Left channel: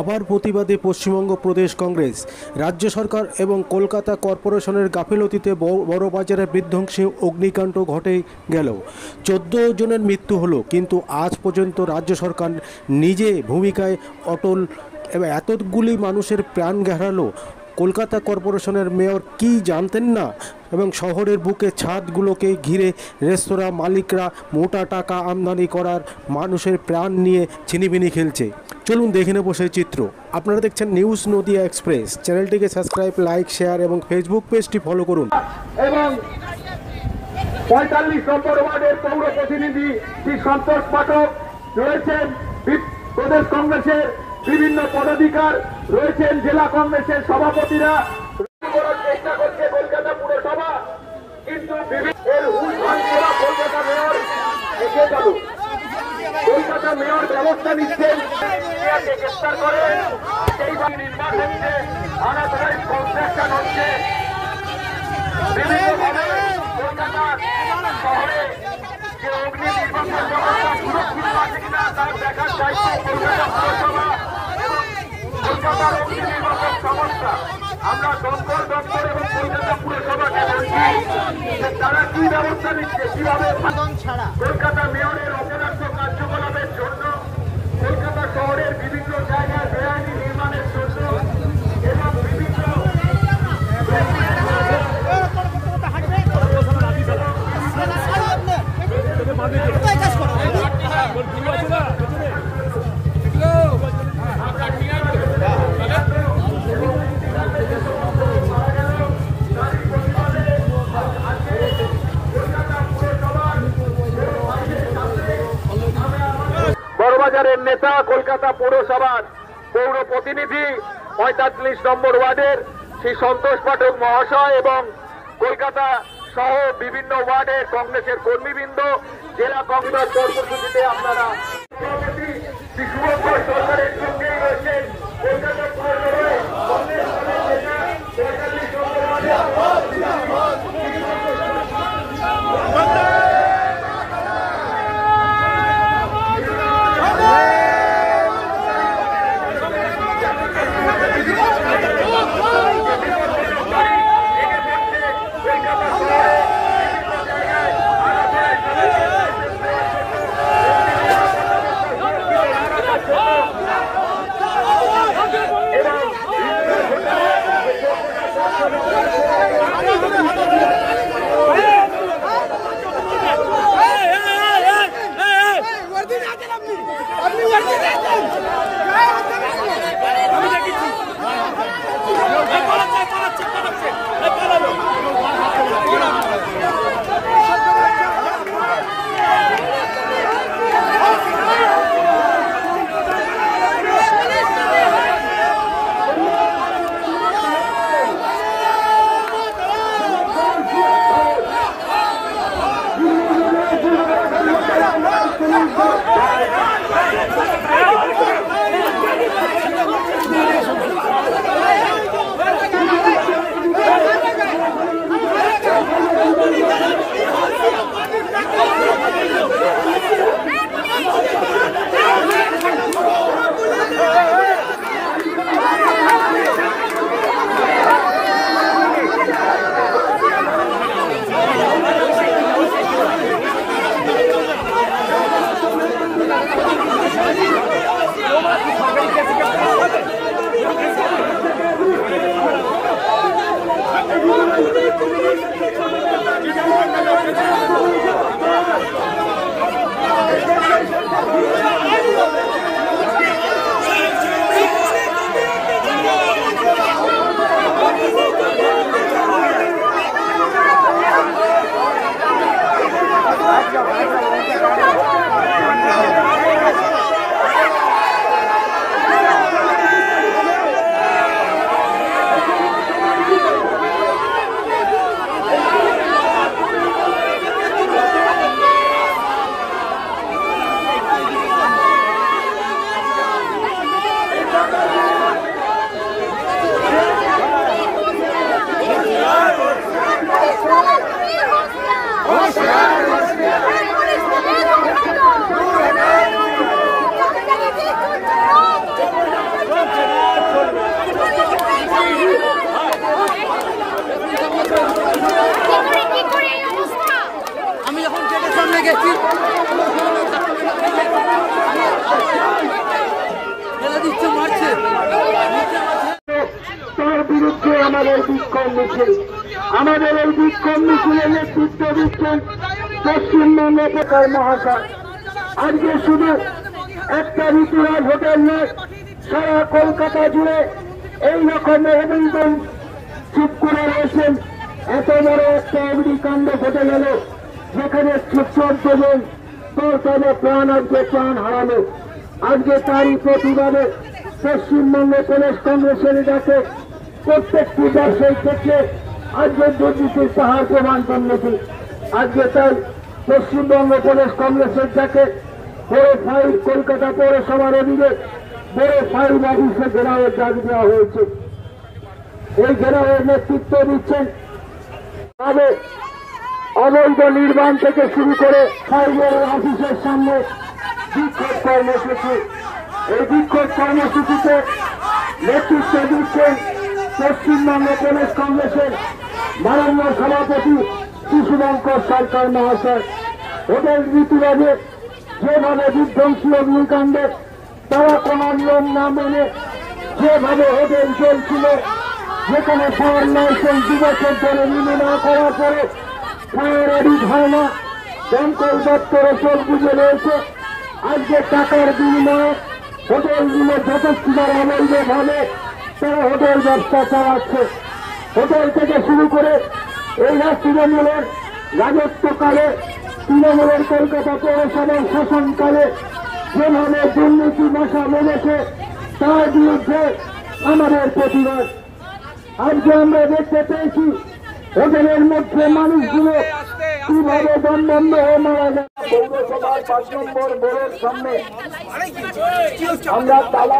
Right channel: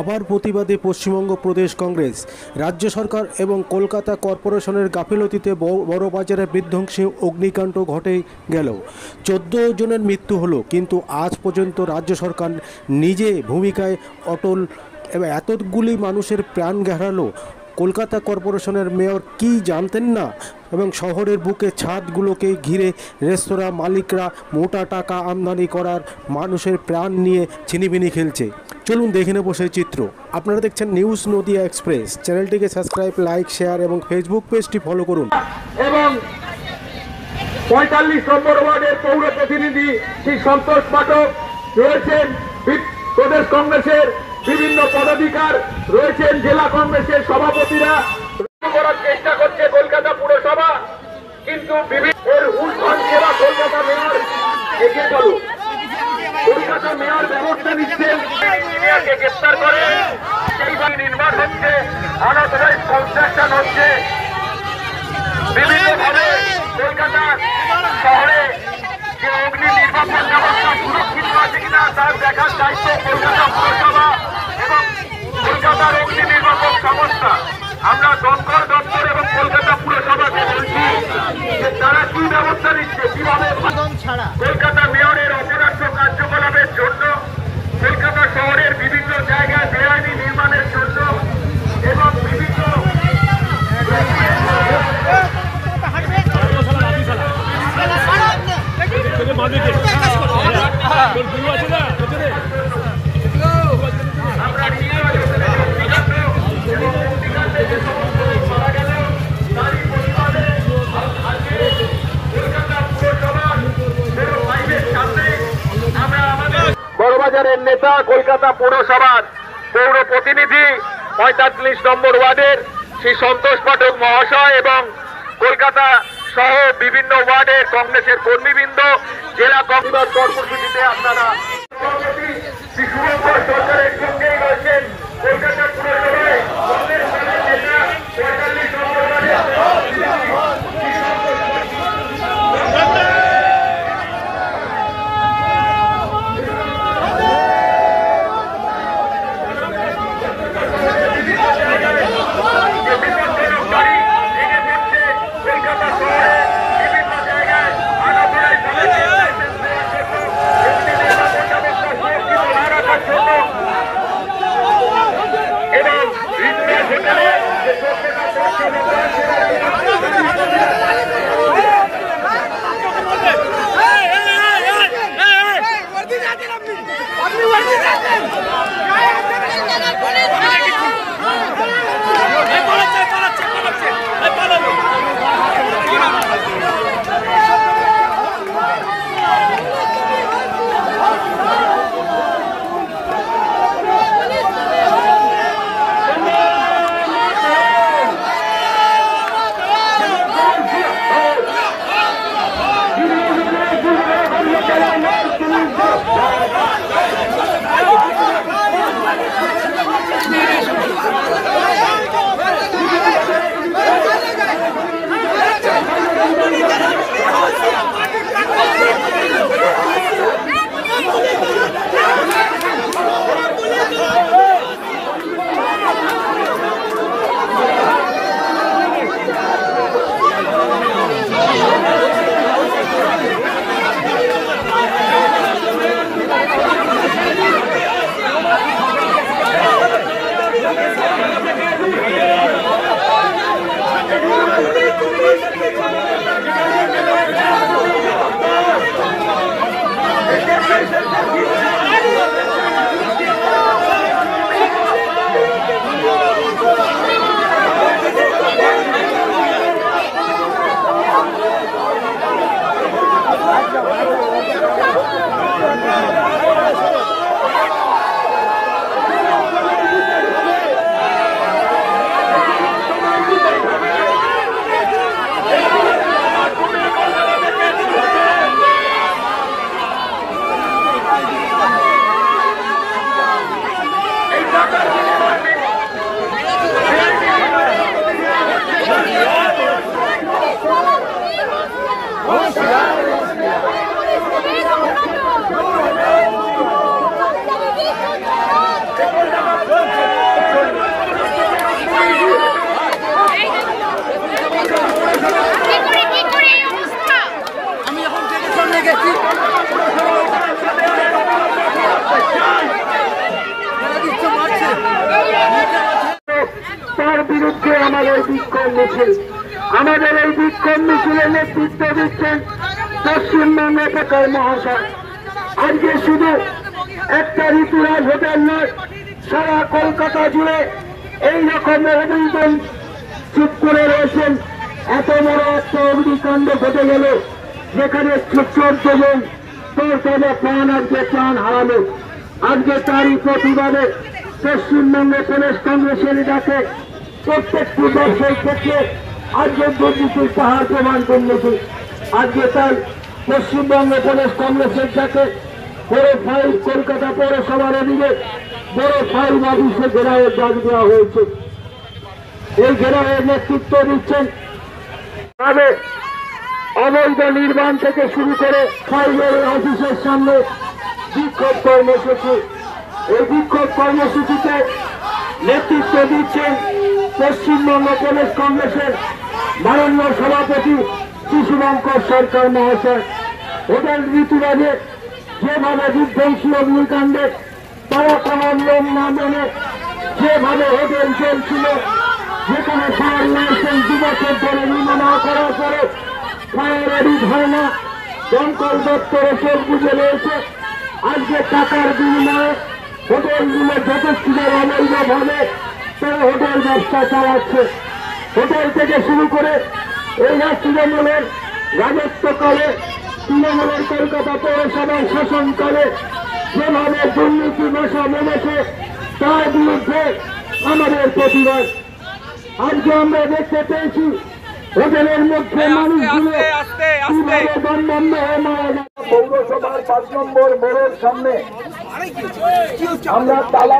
আবার প্রতিবাদে পশ্চিমবঙ্গ প্রদেশ কংগ্রেস। রাজ্য সরকার এবং কলকাতা কর্পোরেশনের গাফিলতিতে বড়বাজারে বিধ্বংসী অগ্নিকাণ্ড ঘটে গেল। 14 জনের মৃত্যু হলো, কিন্তু আজ পর্যন্ত রাজ্য সরকার নিজে ভূমিকায় অটল এবং এতগুলি মানুষের প্রাণ গেহারালো। কলকাতা কর্পোরেশনের মেয়র কি জানতেন না? এবং শহরের বুকে ছাদগুলোকে ঘিরে রেস্তোরাঁ মালিকরা মোটা টাকা আমদানি করার মানুষের প্রাণ নিয়ে ছিনিমিনি খেলছে। চলুন দেখে নেব সেই চিত্র। আপনারা দেখছেন নিউজ নদিয়া এক্সপ্রেস। চ্যানেলটিকে সাবস্ক্রাইব, লাইক, শেয়ার এবং ফেসবুক পেজটি ফলো করুন। এবং 45 নম্বর ওয়ার্ডের পৌর প্রতিনিধি শ্রী সন্তোষ পাঠক রয়েছেন, প্রদেশ কংগ্রেসের বিভিন্ন পদাধিকার রয়েছেন, জেলা কংগ্রেসের সভাপতিরা করার চেষ্টা করছে কলকাতা পুরসভা, কিন্তু কলকাতা মেয়র এগিয়ে গেল। কলকাতা মেয়র ব্যবস্থা নিচ্ছেন, ইঞ্জিনিয়ারকে গ্রেফতার করে সেই বাড়ি নির্মাণ হচ্ছে, আনঅথরাইজড কনস্ট্রাকশন হচ্ছে। বিভিন্নভাবে কলকাতা শহরে যে অগ্নি নির্বাপন ব্যবস্থা সুরক্ষিত আছে কিনা তার দেখার দায়িত্ব কলকাতা পুরসভা এবং কলকাতার অগ্নি নির্বাপক সংস্থা। আমরা দমকল দপ্তর এবং কলকাতা পুরসভাকে বলছি যে তারা কি ব্যবস্থা নিচ্ছে, কিভাবে কলকাতা মেয়রের অপরাধ কার্যকলাপের জন্য, কলকাতা শহরের বিভিন্ন জায়গায় বেআইনি নির্মাণের জন্য এবং বিভিন্ন বড়বাজারের নেতা, কলকাতা পৌরসভার পৌর প্রতিনিধি 45 নম্বর ওয়ার্ডের শ্রী সন্তোষ পাঠক মহাশয় এবং কলকাতা সহ বিভিন্ন ওয়ার্ডের কংগ্রেসের কর্মীবৃন্দ, জেলা কংগ্রেস কর্মসূচিতে আপনারা কলকাতা পুরসভায় কংগ্রেস দলের নেতা 45 নম্বর আমি এখন থেকে সামনে গেছি মারছে তার বিরুদ্ধে আমাদের বিক্ষোভ মিছিল, আমাদের এই বিক্ষোভ মিছিলের নেতৃত্ব দিচ্ছেন পশ্চিমবঙ্গ সরকার মহাশয়। আজকে শুধু একটা ঋতুরাজ হোটেল নয়, সারা কলকাতা জুড়ে এই রকম অভিযোগ চুপ করে রয়েছেন। এত বড় একটা অগ্নিকাণ্ড ঘটে গেল, যেখানে 14 জন তাদের প্রাণ আজকে প্রাণ হারালো। আজকে তারই প্রতিবাদে পশ্চিমবঙ্গ প্রদেশ কংগ্রেসের ডাকে প্রত্যেকটি ব্যবসায়ী ক্ষেত্রে আজকে দুর্নীতির পাহাড় প্রমাণ করেছে। আজকে তাই পশ্চিমবঙ্গ প্রদেশ কংগ্রেসের ডাকে বড় ফাইল কলকাতা পৌরসভার অধীনে বড় ফাইল অফিসে ঘেরাওয়ের ডাক দেওয়া হয়েছে। এই ঘেরাওয়ের নেতৃত্ব দিচ্ছেন তবে অবৈধ নির্মাণ থেকে শুরু করে ফাইলের অফিসের সামনে বিক্ষোভ কর্মসূচি। এই বিক্ষোভ কর্মসূচিতে নেতৃত্ব দিচ্ছেন পশ্চিমবঙ্গ প্রদেশ কংগ্রেসের মাননীয় সভাপতি শিশুশঙ্কর সরকার মহাশয়। হোটেল ঋতুরাজে যেভাবে বিধ্বংসী অগ্নিকাণ্ডে তারা কোন নিয়ম না মেনে যেভাবে হোটেল চলছিল, যেখানে ফায়ার লাইসেন্স 2 বছর ধরে নিম্ন না করার পরে ফায়ার অডিট হয় না, দমকল দপ্তরে চোখ বুঝে রয়েছে। আজকে টাকার বিনিময়ে হোটেলগুলো যথেষ্টভাবে অবৈধভাবে তারা হোটেল ব্যবসা চালাচ্ছে। হোটেল থেকে শুরু করে এই তৃণমূলের রাজত্বকালে, তৃণমূলের কলকাতা পৌরসভার শাসনকালে যেভাবে দুর্নীতি মশা বেড়েছে, তার বিরুদ্ধে আমাদের প্রতিবাদ। আজকে আমরা দেখতে পেয়েছি হোটেলের মধ্যে মানুষগুলো কিভাবে দমবন্ধ হয়ে মারা যায়। পৌরসভার 5 নম্বর মোড়ের সামনে আমরা তালা